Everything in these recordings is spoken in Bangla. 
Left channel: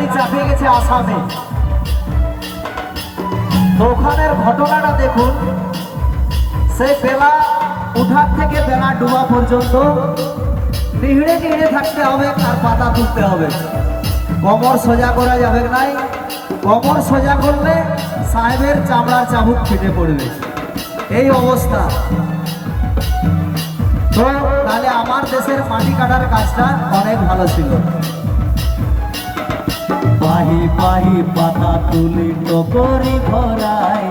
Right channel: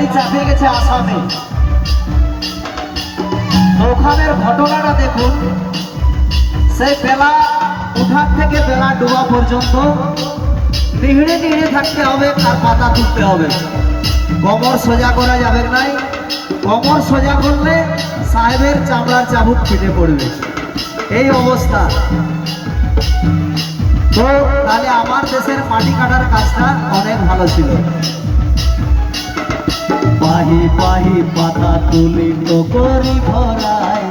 গাড়ি চাপে গেছে আসামে। তো ওখানের ঘটনাটা দেখুন, সেই বেলা উঠার থেকে বেলা ডোবা পর্যন্ত নিহড়ে নিহড়ে থাকতে হবে আর পাতা তুলতে হবে। কোমর সোজা করা যাবে নাই, কোমর সোজা করলে সাহেবের চামড়ার চাবুক ফেটে পড়বে, এই অবস্থা। তো তাহলে আমার দেশের মাটি কাটার কাজটা অনেক ভালো ছিল। পাহি পাহি পাতা তুলি টকরি ভরায়,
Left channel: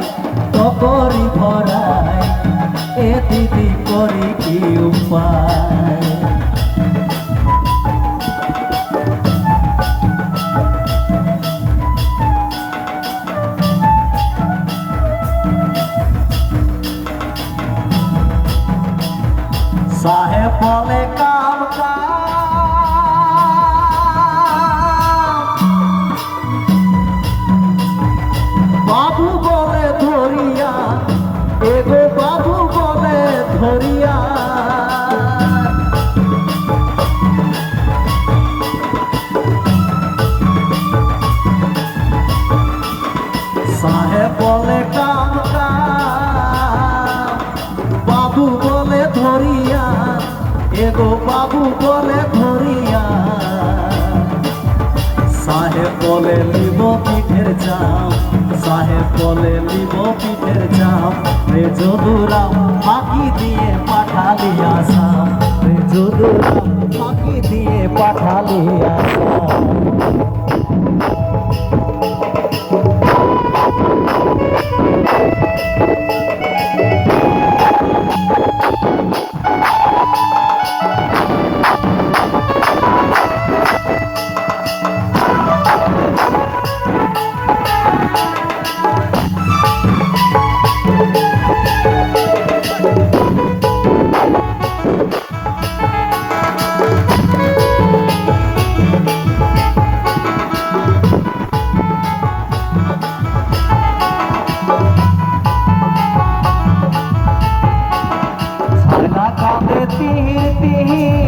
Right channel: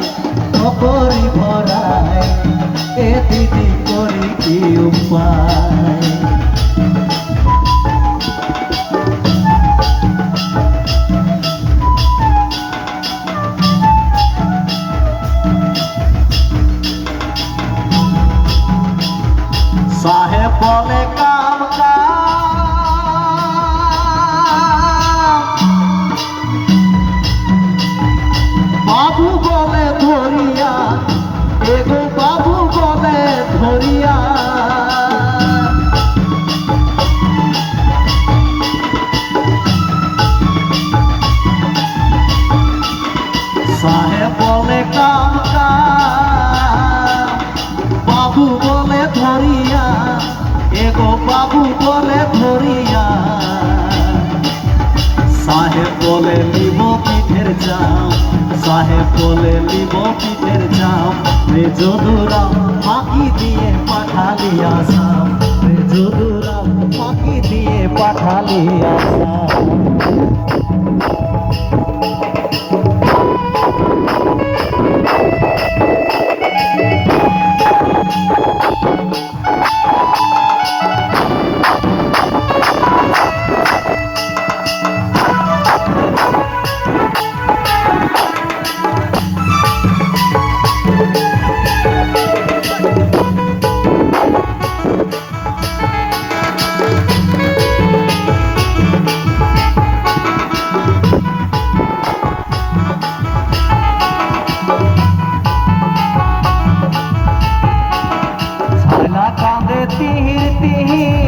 টকরি ভরায়, এ দিদি করি কি উপায়। সাহেব বলে কাম বাবু বলে ধরিয়া, এগো বাবু বলে ধরিয়া। সাহেব বলে কাম বাবু বলে ধরিয়া, এগো বাবু বলে ধরিয়া। সাহেব বলে লিব পিঠের চাম, সাহেব বলে লিব পিঠের চাম। রে যদুরাম ফাঁকি দিয়ে পাঠালি আসাম, রে যদুরাম ফাঁকি দিয়ে পাঠালি আসাম। তিহির তিহির